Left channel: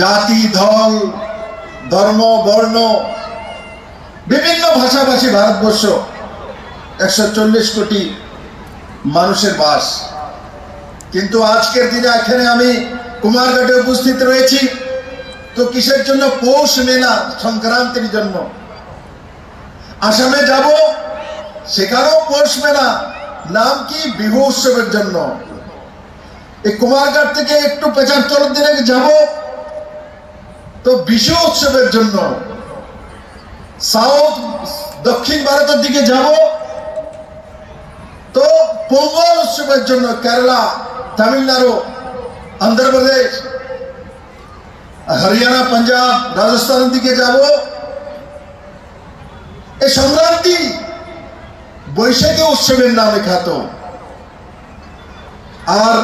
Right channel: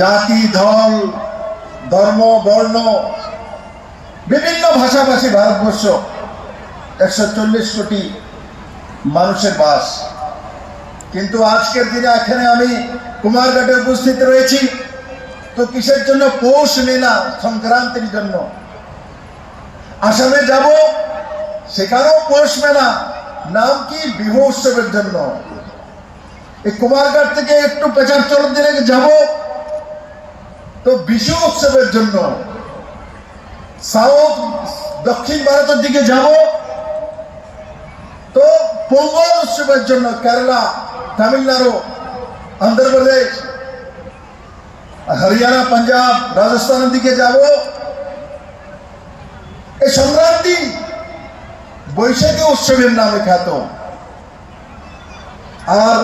জাতি, দল, ধর্ম, বর্ণ, বিভিন্ন ভাষাভাষী ভারতবর্ষ 140 কোটি মানুষের বাস। কিন্তু আজকের দিনে এখানে আমি কুমারঘাটে উপস্থিত রয়েছি তো কিসের জন্য? পৌষ মেলা সংক্রান্তির জন্য। আসামে যাব, সেখানেও পৌষ মেলা, নাম কি? বিহু উৎসবের জন্য। এই কুমারঘাট থেকে একটু 75 দিনে যাব তো বিশু উৎসবের জন্য। সাউথ, দক্ষিণ ভারতের দিকে যাব তো পোঙ্গল উৎসবের জন্য। কেরালা, তামিলনাড়ু, অন্ধ্রপ্রদেশ, হরিয়ানা, পাঞ্জাব, রাজস্থানের দিকে যাব। এই সংক্রান্তি বৈশাখী উৎসবের নামে খ্যাত। আর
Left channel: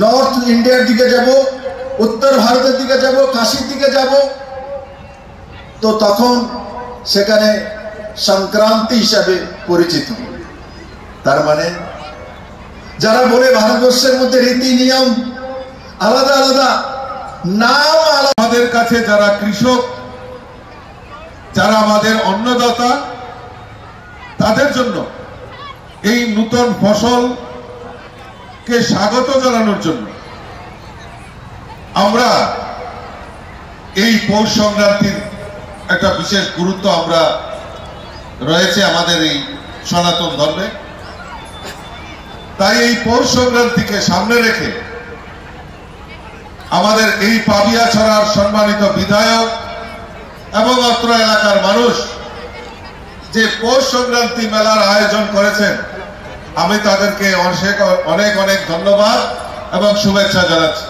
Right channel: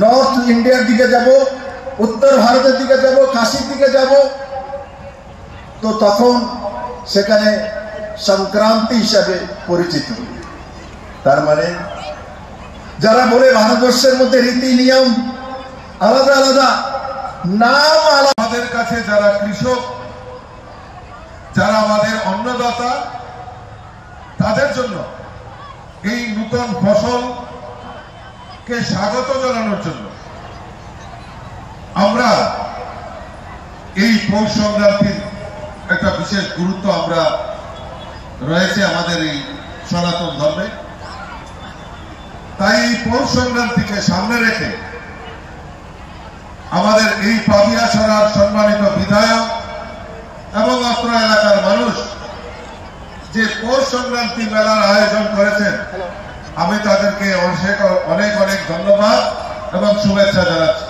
নর্থ ইন্ডিয়ার দিকে যাব, উত্তর ভারতের দিকে যাব, কাশীর দিকে যাব তো তখন সেখানে সংক্রান্তি হিসাবে পরিচিত। তার মানে যারা বলে ভারতবর্ষের মধ্যে রীতি নিয়ম আলাদা আলাদা, নাম আলাদা। আমাদের কাছে যারা কৃষক, যারা আমাদের অন্নদাতা, তাদের জন্য এই নূতন ফসলকে স্বাগত জানানোর জন্য আমরা এই পৌষ সংক্রান্তির একটা বিশেষ গুরুত্ব আমরা রয়েছে আমাদের এই সনাতন ধর্মে। তাই এই পৌষ সংক্রান্তিকে সামনে রেখে আমাদের এই পাবিয়াছড়ার সম্মানিত বিধায়ক এবং অত্র এলাকার মানুষ যে পৌষ সংক্রান্তি মেলার আয়োজন করেছেন, আমি তাদেরকে অনেক অনেক ধন্যবাদ এবং শুভেচ্ছা জানাচ্ছি।